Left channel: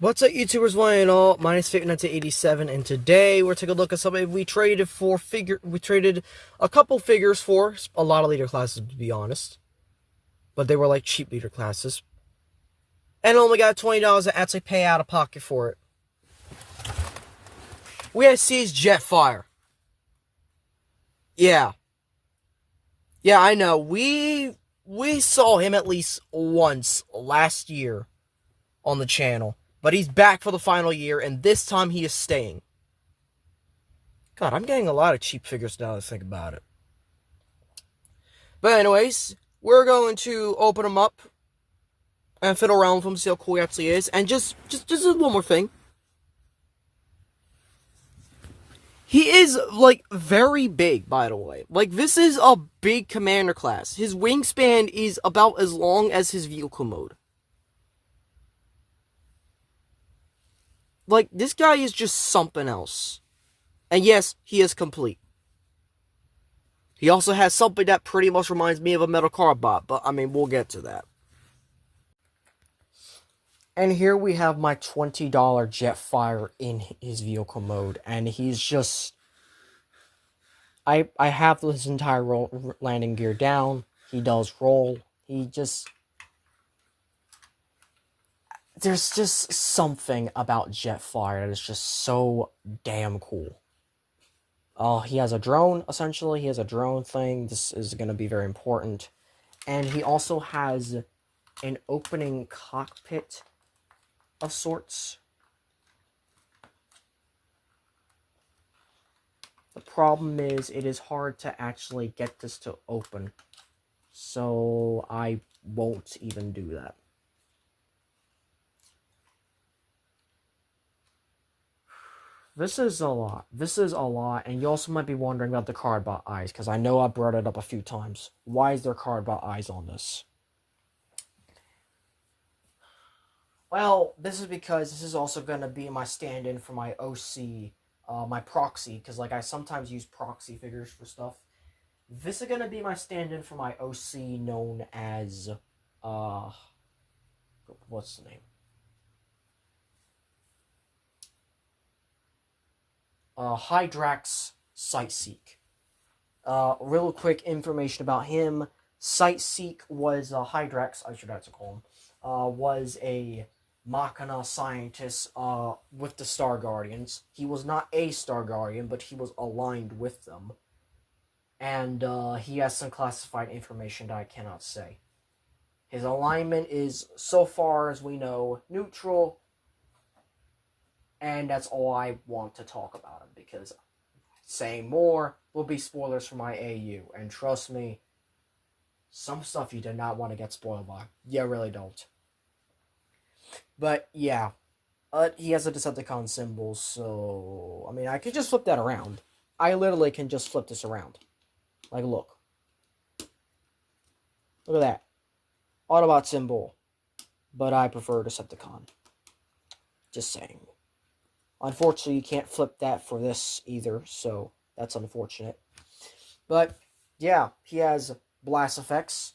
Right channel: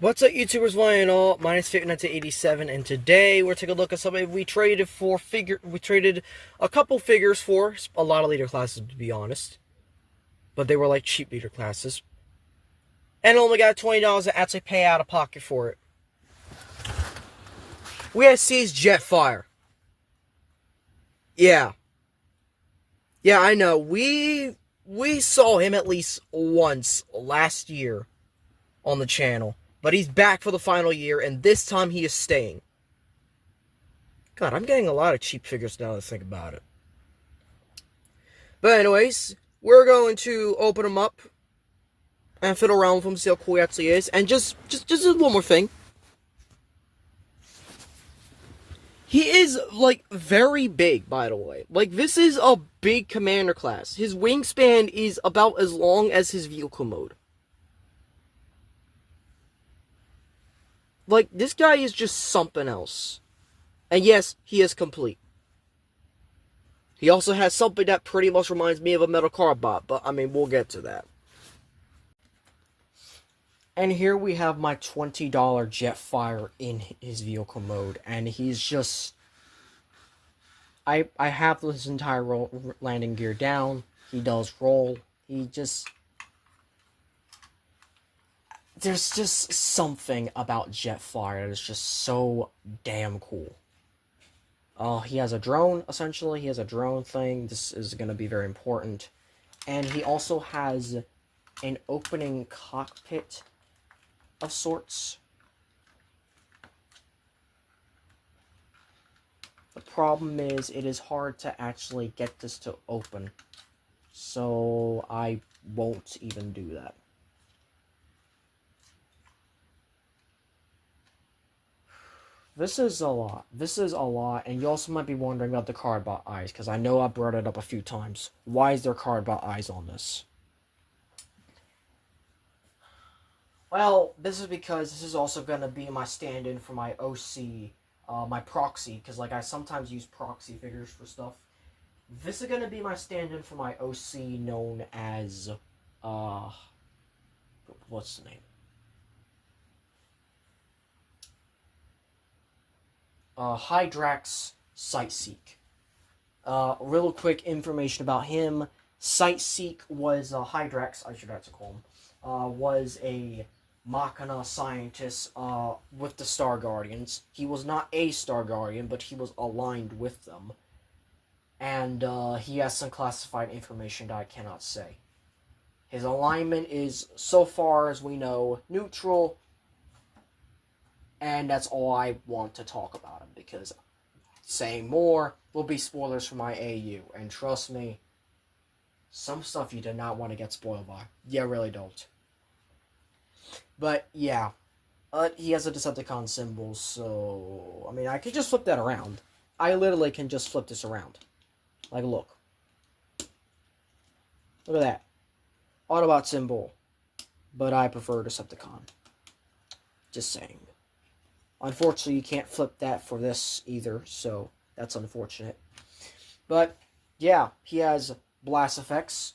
What's up, YouTubers? One and all. My name is Fit1987, and today we're taking a look at something we traded for. We traded a couple figures for a lot of leader classes, to be honest, but they were like cheap leader classes, and only got $20 to actually pay out of pocket for it. We had C's Jetfire. Yeah, I know. We saw him at least once last year on the channel. But he's back for the final year, and this time he is staying. God, I'm getting a lot of cheap figures now to think about it. But anyways, we're going to open them up and fiddle around with him, see how cool he actually is. And just one more thing. He is, like, very big, by the way. Like, this is a big commander class. His wingspan is about as long as his vehicle mode. Like, this guy is just something else. And yes, he is complete. He also has something that pretty much reminds me of a metal card bot, but, I mean, we'll get to that. And here we have my $20 Jetfire in his vehicle mode, and he's just... I have his entire landing gear down. He does roll. He just... There's just something about Jetfire that is just so damn cool. He has a drone, essentially. He has a drone thing. This is going to be very important. And he also has an opening cockpit of sorts. The problem is, it is hard to actually get this to open. So, I won't even do that. This is a lot. And you also might be wondering about the card bot eyes, because I know I brought it up a few times. Why is there card bot eyes on this? Well, this is because this is also going to be my stand-in for my OC, my proxy, because like I sometimes use proxy figures for stuff. This is going to be my stand-in for my OC known as, what's the name? Hydrax Sightseek. Real quick information about him. Sightseek was Hydrax, I should have to call him, was a Machina scientist with the Star Guardians. He was not a Star Guardian, but he was aligned with them. And he has some classified information that I cannot say. His alignment is, so far as we know, neutral. And that's all I want to talk about him, because saying more will be spoilers for my AU. And trust me, some stuff you do not want to get spoiled by. You really don't. But, yeah. He has a Decepticon symbol, so... I mean, I could just flip that around. I literally can just flip this around. Like, look. Look at that. Autobot symbol. But I prefer Decepticon. Just saying. Unfortunately, you can't flip that for this either, so that's unfortunate. But, yeah, he has blast effects.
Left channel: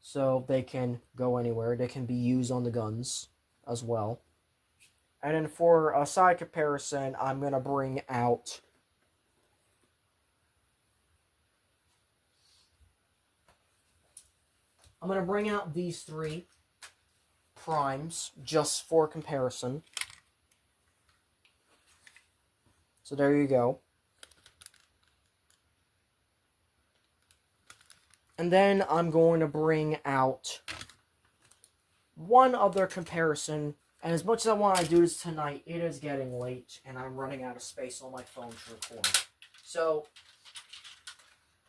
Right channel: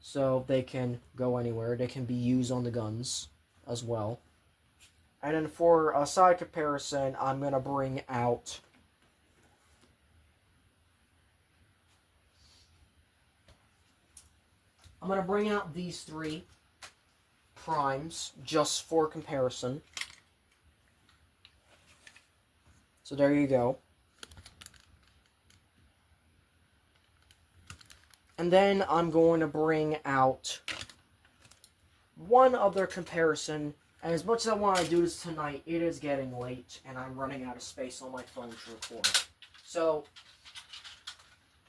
So they can go anywhere. They can be used on the guns as well. And then for a side comparison, I'm going to bring out... these three primes just for comparison. So there you go. And then I'm going to bring out one other comparison. And as much as I want to do this tonight, it is getting late and I'm running out of space on my phone to record. So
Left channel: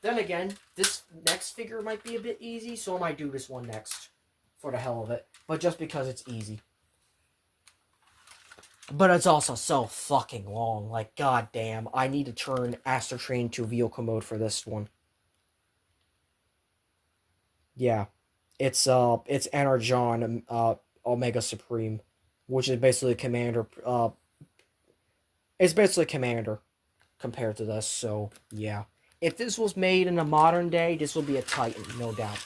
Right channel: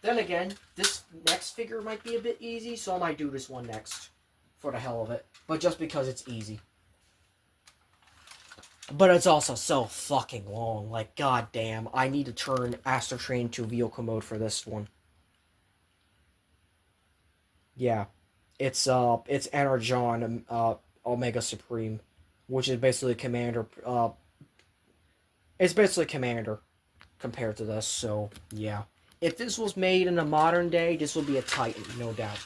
then again, this next figure might be a bit easy, so I might do this one next for the hell of it. But just because it's easy. But it's also so fucking long. Like, goddamn, I need to turn Astro Train to vehicle mode for this one. Yeah. It's Energon, Omega Supreme. Which is basically Commander, it's basically Commander compared to this, so, yeah. If this was made in a modern day, this would be a Titan, no doubt.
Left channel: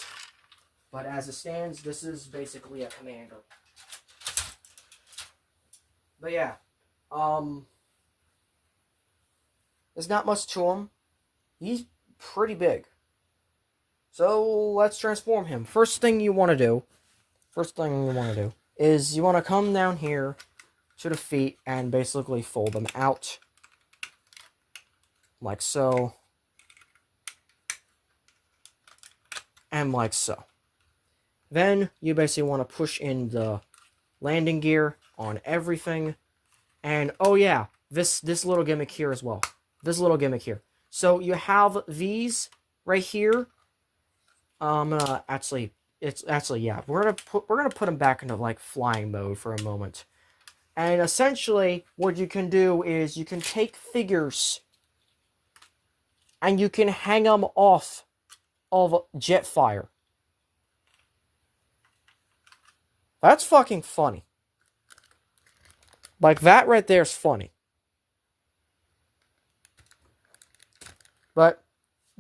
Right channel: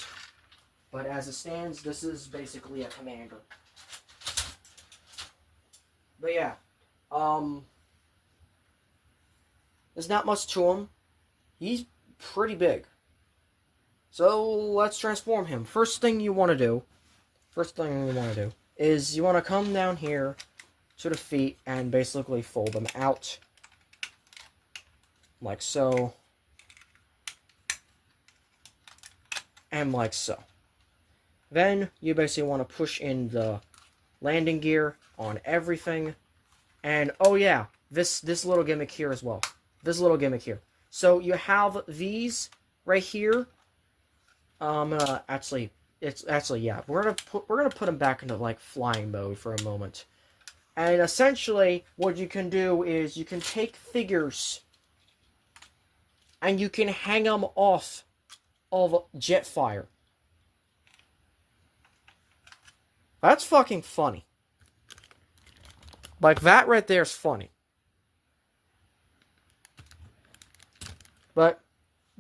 But as it stands, this is basically a commander. But yeah, there's not much to him. He's pretty big. So let's transform him. First thing you want to do is you want to come down here to the feet and basically fold them out. Like so. And like so. Then you basically want to push in the landing gear on everything. And oh yeah, this little gimmick here as well. This little gimmick here. So you have these right here. Yeah, we're gonna put them back into like flying mode for a moment. And essentially, what you can do is you can take figures and you can hang them off of Jetfire. That's fucking funny. Like, that right there is funny. But,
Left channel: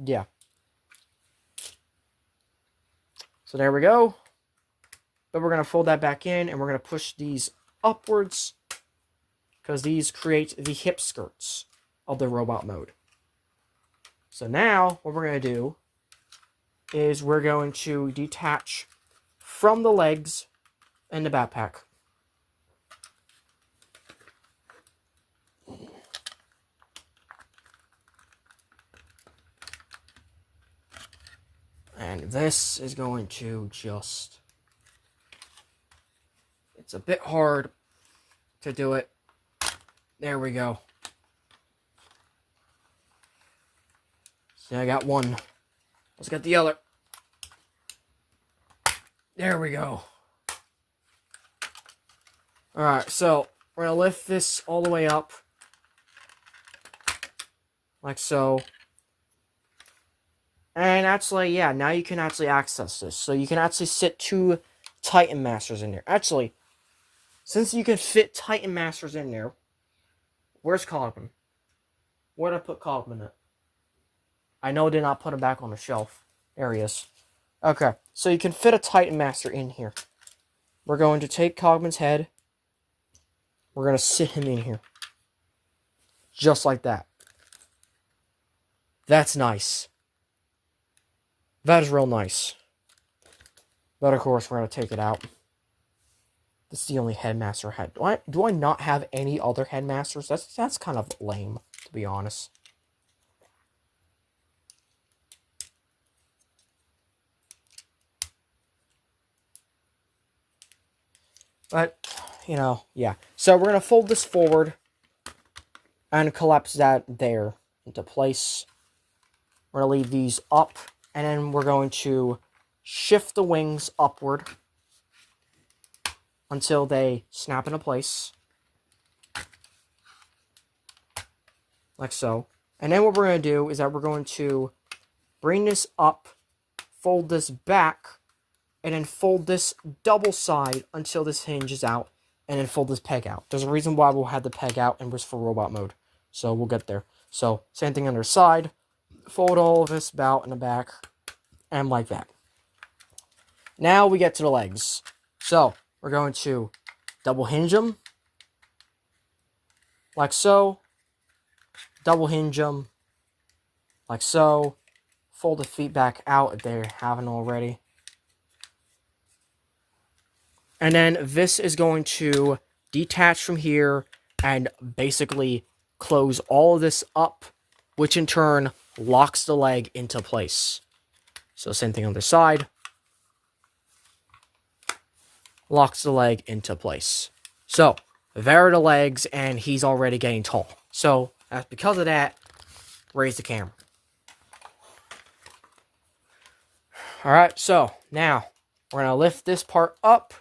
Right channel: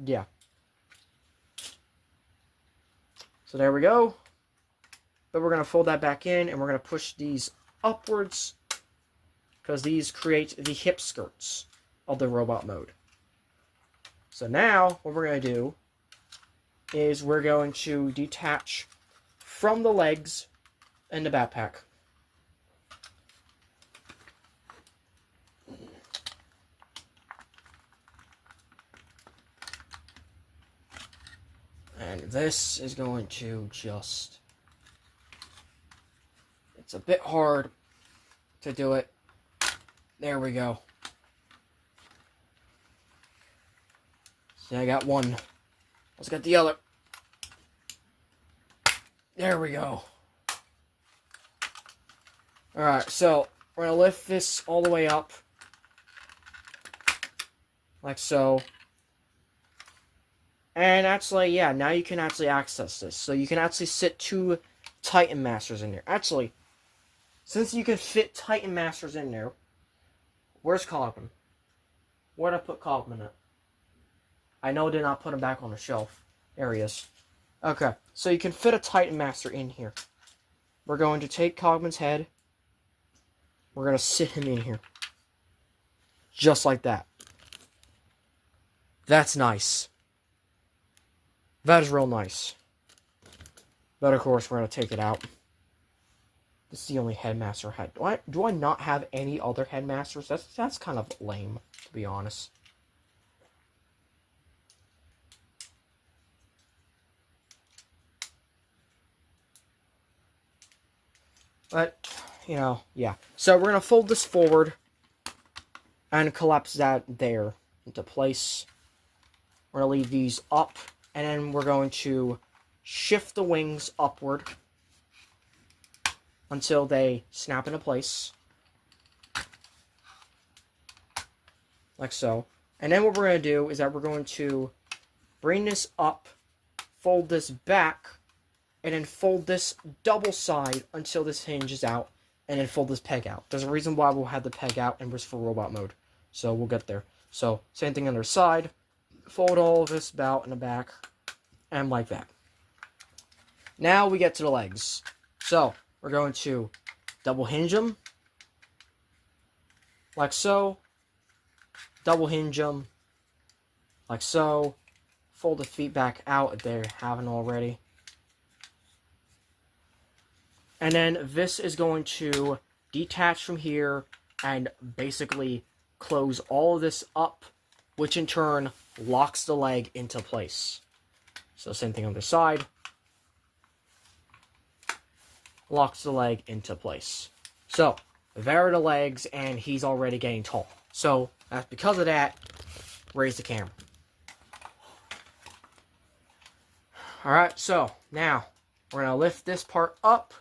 yeah. So there we go. Then we're going to fold that back in, and we're going to push these upwards, because these create the hip skirts of the robot mode. So now, what we're going to do is we're going to detach from the legs and the backpack. And this is going to just... It's a bit hard to do it. There we go. So I got one. Let's get the other. There we go. Alright, so we're going to lift this all the way up. Like so. And actually, yeah, now you can actually access this. So you can actually sit 2 Titan Masters in there. Actually, since you can fit Titan Masters in there, where's Cogman? Where'd I put Cogman at? I know I did not put him back on the shelf. There he is. Okay, so you can fit a Titan Master in here. We're going to take Cogman's head. We're going to sit him in here. Just like that. That's nice. That is real nice. But of course, we're going to take it out. This is the only headmaster I had. Do I not have any other headmasters? That's kind of lame, to be honest. But, you know, yeah. So we're going to fold this forward and collapse that there into place. We're going to leave these up. And then we're going to shift the wings upward until they snap into place. Like so. And then what we're going to do is that we're going to bring this up, fold this back, and then fold this double side until this hinges out, and then fold this peg out. There's a reason why we'll have the peg out and was for robot mode. So we'll get there. So same thing on the side. Fold all of this about in the back, and like that. Now we get to the legs. So, we're going to double hinge them, like so, double hinge them, like so, fold the feet back out if they haven't already. And then this is going to detach from here and basically close all of this up, which in turn locks the leg into place. So same thing on the side. Locks the leg into place. So, there are the legs, and he's already getting tall. So, because of that, raise the camera. Alright, so, now, we're going to lift this part up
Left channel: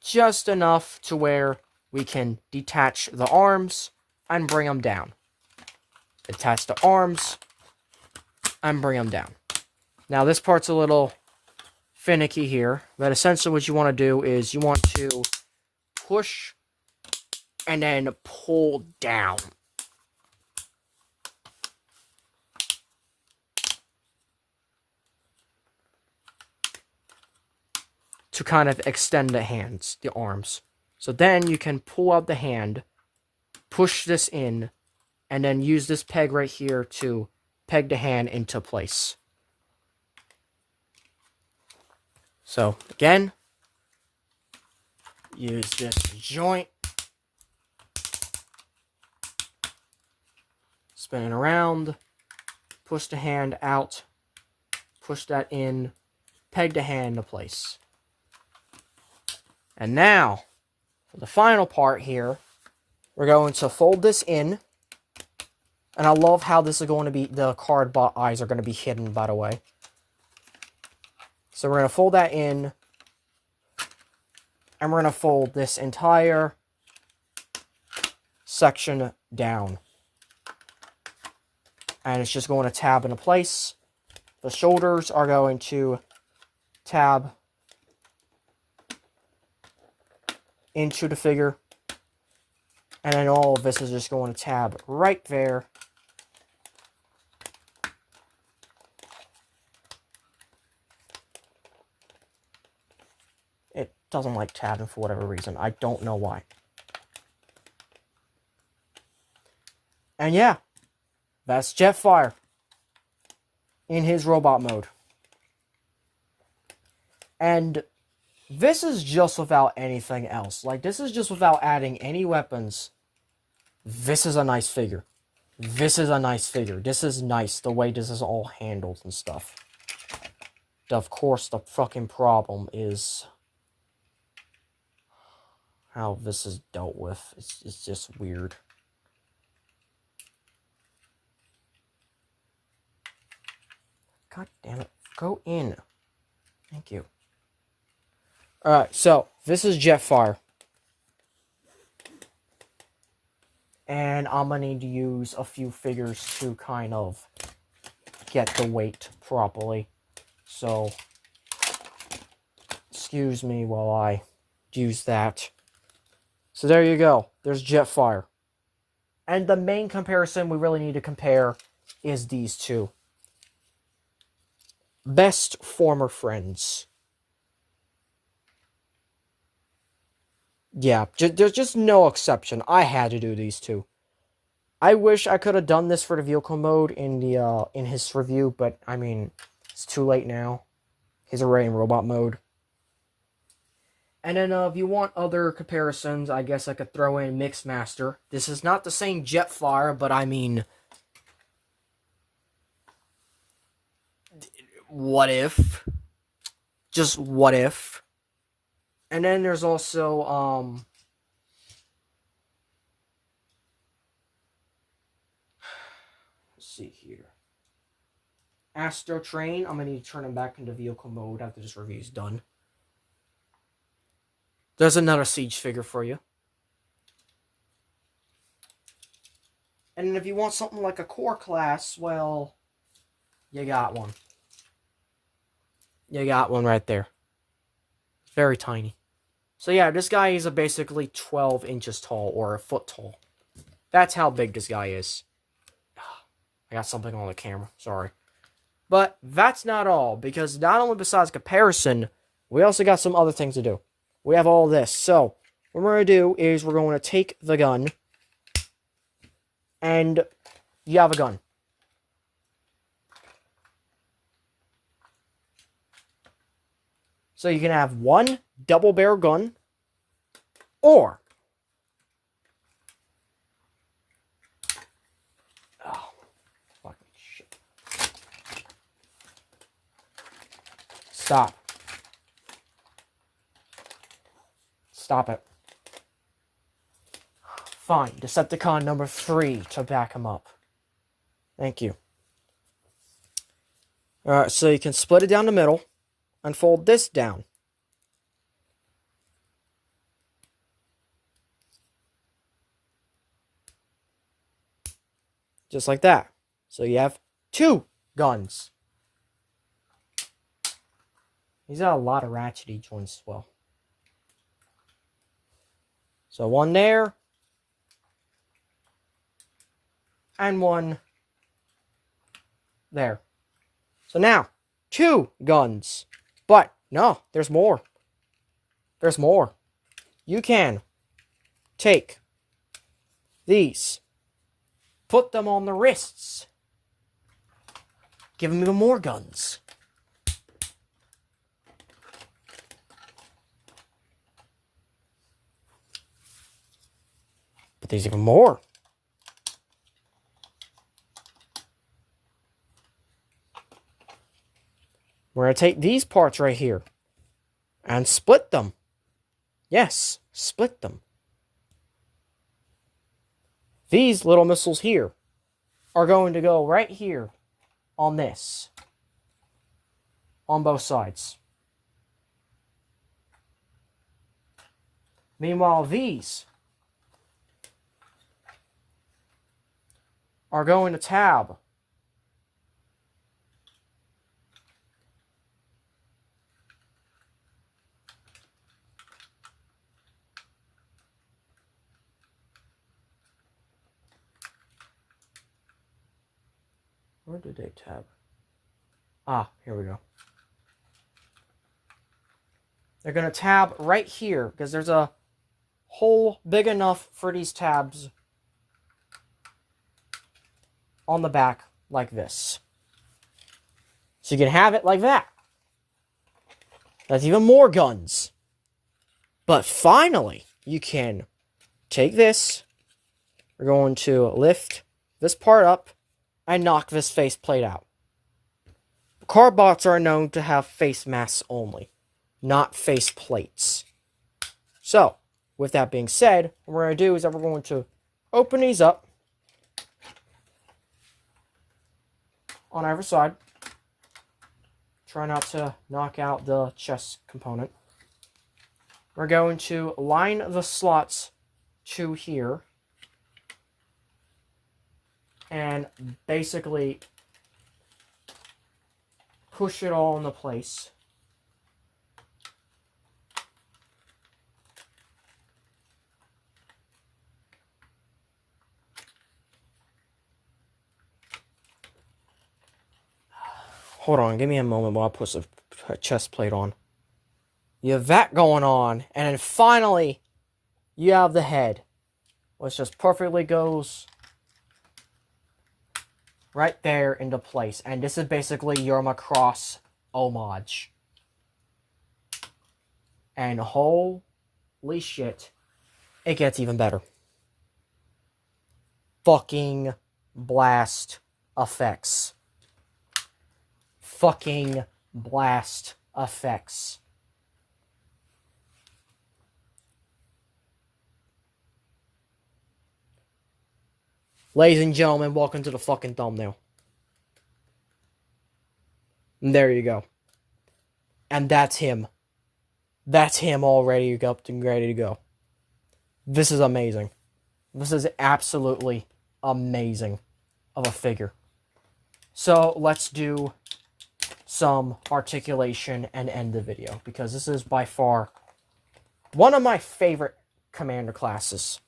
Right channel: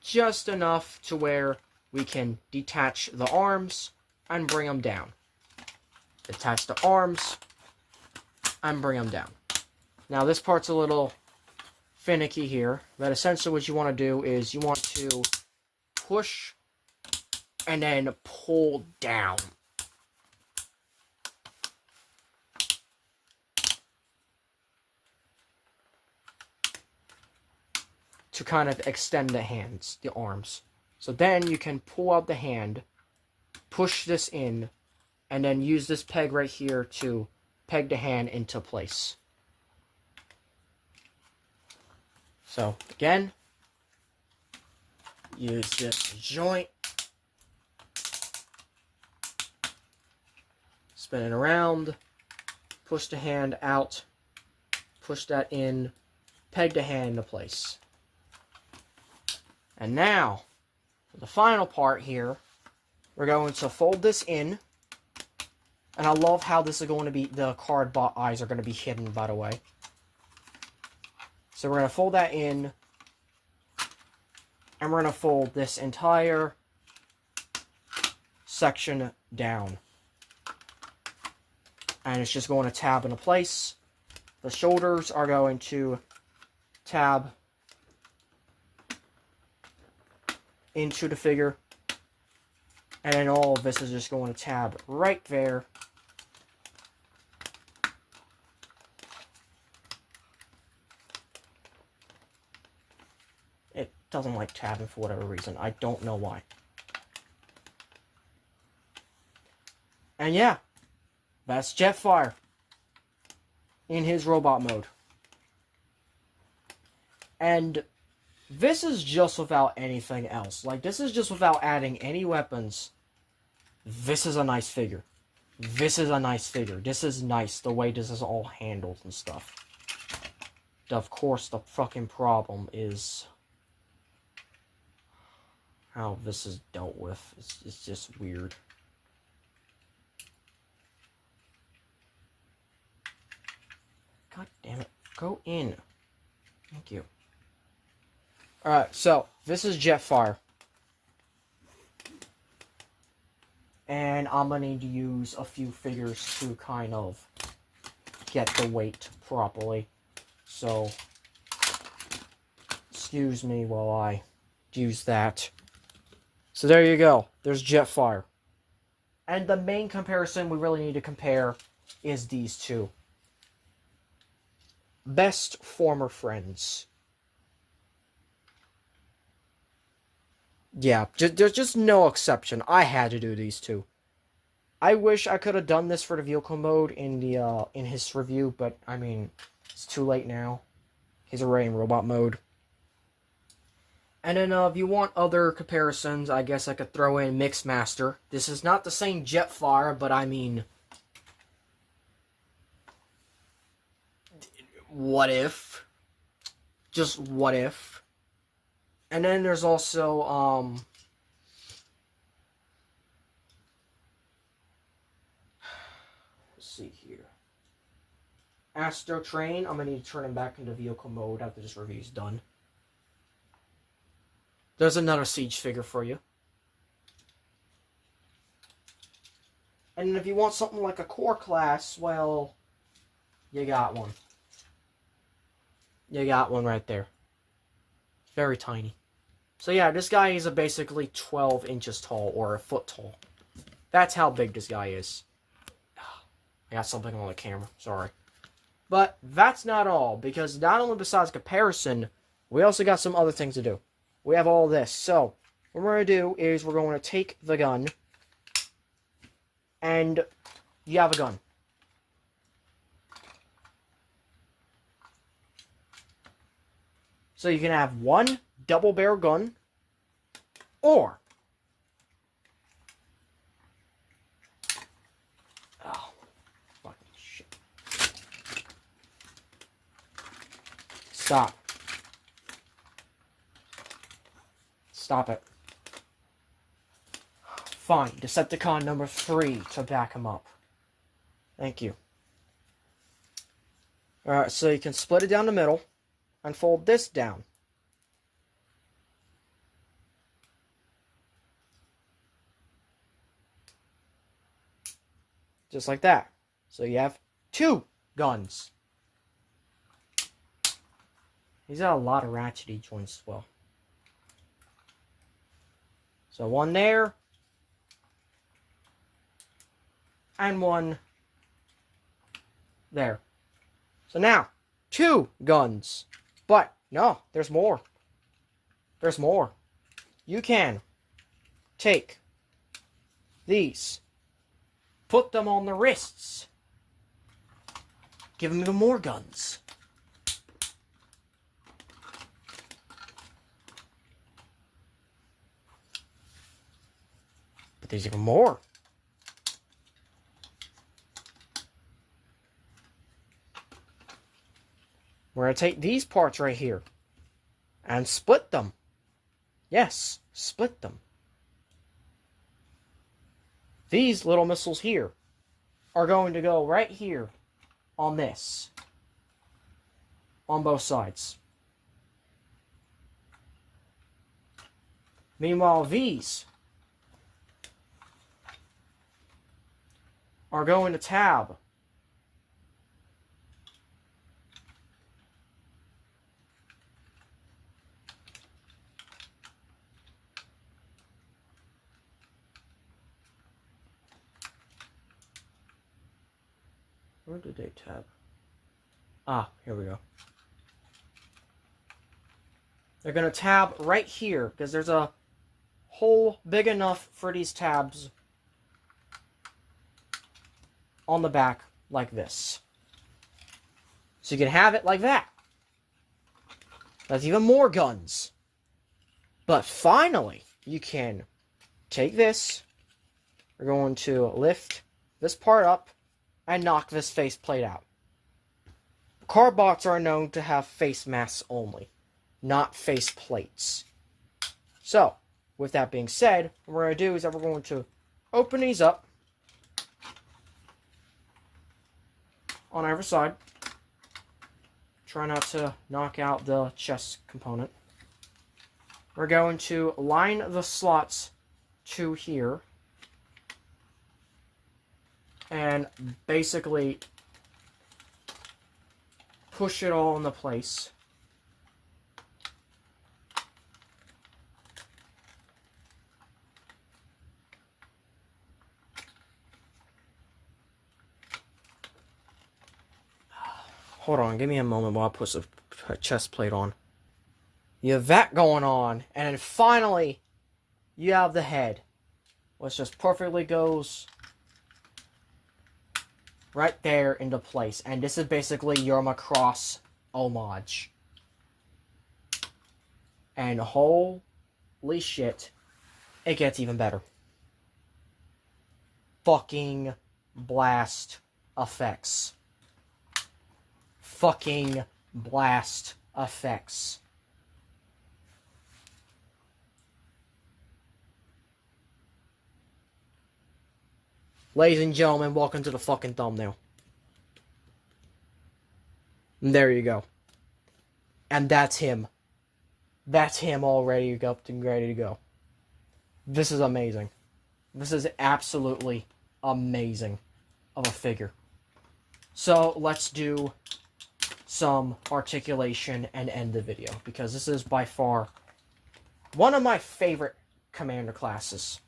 just enough to where we can detach the arms and bring them down. Attach the arms and bring them down. Now this part's a little finicky here, but essentially what you want to do is you want to push and then pull down. to kind of extend the hands, the arms. So then you can pull out the hand, push this in, and then use this peg right here to peg the hand into place. So again, use this joint, spin it around, push the hand out, push that in, peg the hand into place. And now, for the final part here, we're going to fold this in. And I love how this is going to be, the card eyes are going to be hidden, by the way. So we're going to fold that in. And we're going to fold this entire section down. And it's just going to tab into place. The shoulders are going to tab into the figure. And then all of this is just going to tab right there. It doesn't like tabbing for whatever reason. I don't know why. And yeah, that's Jetfire in his robot mode. And this is just without anything else. Like, this is just without adding any weapons. This is a nice figure. This is a nice figure. This is nice, the way this is all handled and stuff. Of course, the fucking problem is how this is dealt with. It's just weird. God damn it. Go in. Thank you. Alright, so this is Jetfire. And I'm going to need to use a few figures to kind of get the weight properly. So, excuse me while I use that. So there you go. There's Jetfire. And the main comparison we really need to compare is these two. Best former friends. Yeah, there's just no exception. I had to do these two. I wish I could have done this for the vehicle mode in the in his review, but I mean, it's too late now. He's already in robot mode. And then if you want other comparisons, I guess I could throw in Mixmaster. This is not the same Jetfire, but I mean, what if? Just what if? And then there's also, let's see here. Astro Train. I'm going to need to turn him back into vehicle mode after this review is done. There's another Siege figure for you. And then if you want something like a core class, well, you got one. You got one right there. Very tiny. So yeah, this guy is basically 12 inches tall, or a foot tall. That's how big this guy is. I got something on the camera, sorry. But that's not all, because not only besides comparison, we also got some other things to do. We have all this. So, what we're going to do is we're going to take the gun, and you have a gun. So you can have one double barrel gun, or oh, fucking shit. Stop. Stop it. Fine. Decepticon number 3 to back him up. Thank you. Alright, so you can split it down the middle. And fold this down. Just like that. So you have 2 guns. He's got a lot of ratchety joints as well. So one there. And one there. So now, 2 guns. But, no, there's more. there's more. You can take these, put them on the wrists, give them even more guns. But there's even more. We're going to take these parts right here and split them. Yes, split them. These little missiles here are going to go right here on this. On both sides. Meanwhile, these are going to tab where did they tab? Ah, here we go. They're going to tab right here because there's a hole big enough for these tabs on the back like this. So you can have it like that. That's even more guns. But finally, you can take this. We're going to lift this part up and knock this face plate out. Carbots are known to have face masks only, not face plates. So, with that being said, what we're going to do is that we're going to open these up on either side. Try not to knock out the chest component. We're going to line the slots to here. And basically push it all into place. Hold on, give me a moment while I put a chest plate on. You have that going on, and then finally, you have the head, which just perfectly goes right there into place. And this is basically your Macross homage. And holy shit, it gets even better. Fucking blast effects. Fucking blast effects. Ladies and gentlemen, welcome to the fucking thumbnail. And there you go. And that's him. That's him all ready to go. This is amazing. This is absolutely amazing of a figure. So let's do some articulation and end the video, because this is by far one of my favorite commander classes.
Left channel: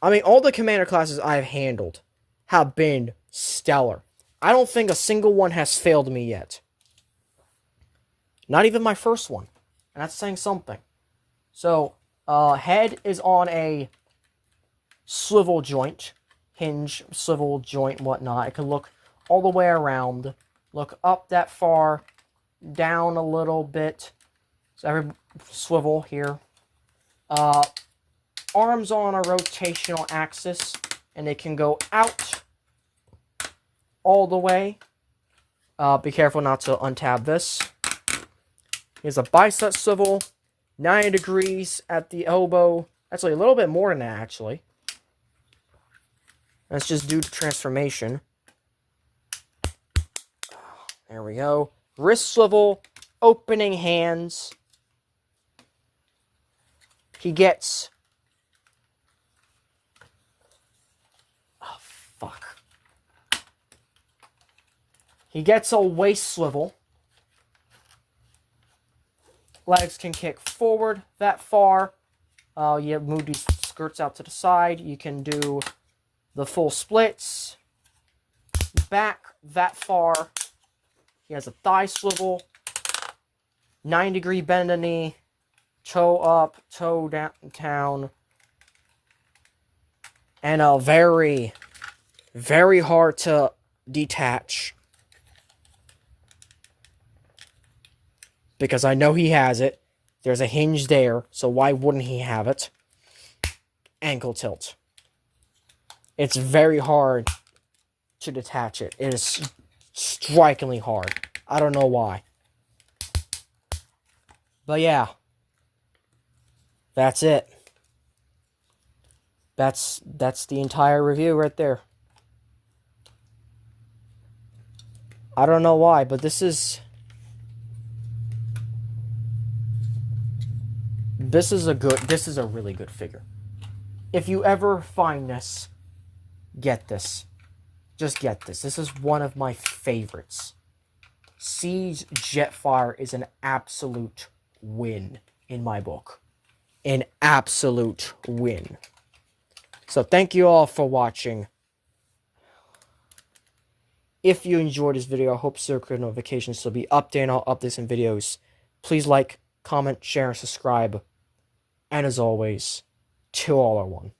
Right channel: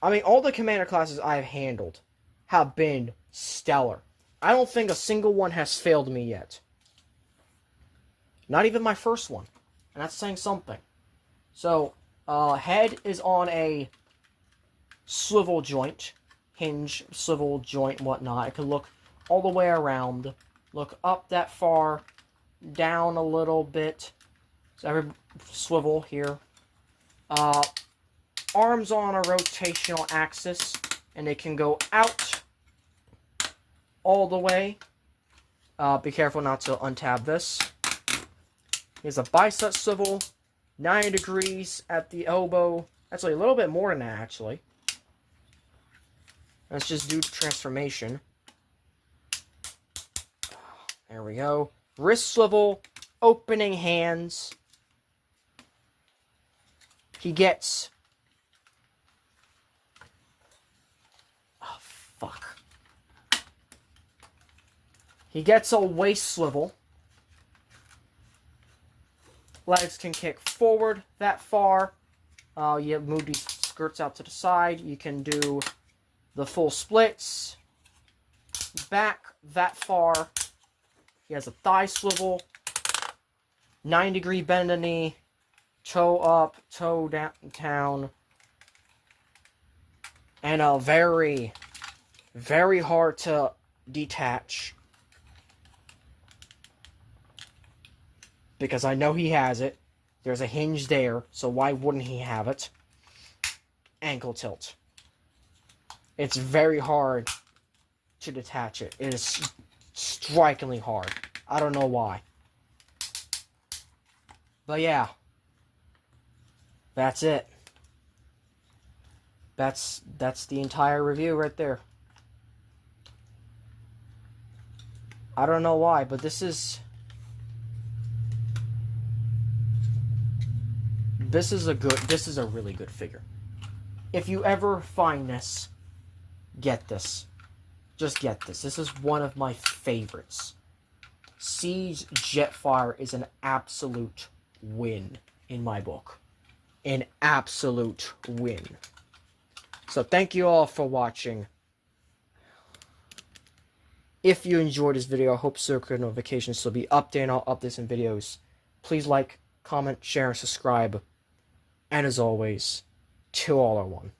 I mean, all the commander classes I've handled have been stellar. I don't think a single one has failed me yet. Not even my first one. And that's saying something. So, head is on a swivel joint. Hinge, swivel joint, and whatnot. It can look all the way around. Look up that far. Down a little bit. So every swivel here. Arms on a rotational axis, and they can go out all the way. Be careful not to untab this. Here's a bicep swivel, 90 degrees at the elbow. Actually, a little bit more than that, actually. That's just due to transformation. There we go. Wrist swivel, opening hands. He gets... Fuck. He gets a waist swivel. Legs can kick forward that far. You move these skirts out to the side. You can do the full splits. Back that far. He has a thigh swivel. 9-degree bend in the knee. toe up, toe down, and a very, very hard to detach. Because I know he has it. There's a hinge there, so why wouldn't he have it? Ankle tilt. It's very hard to detach it. It is strikingly hard. I don't know why. But yeah. That's it. That's the entire review right there. I don't know why, but this is a really good figure. If you ever find this, get this. Just get this. This is one of my favorites. Siege Jetfire is an absolute win in my book. An absolute win. So thank you all for watching. If you enjoyed this video, I hope circular notifications will be updating all updates and videos. Please like, comment, share, and subscribe. And as always, till all are one.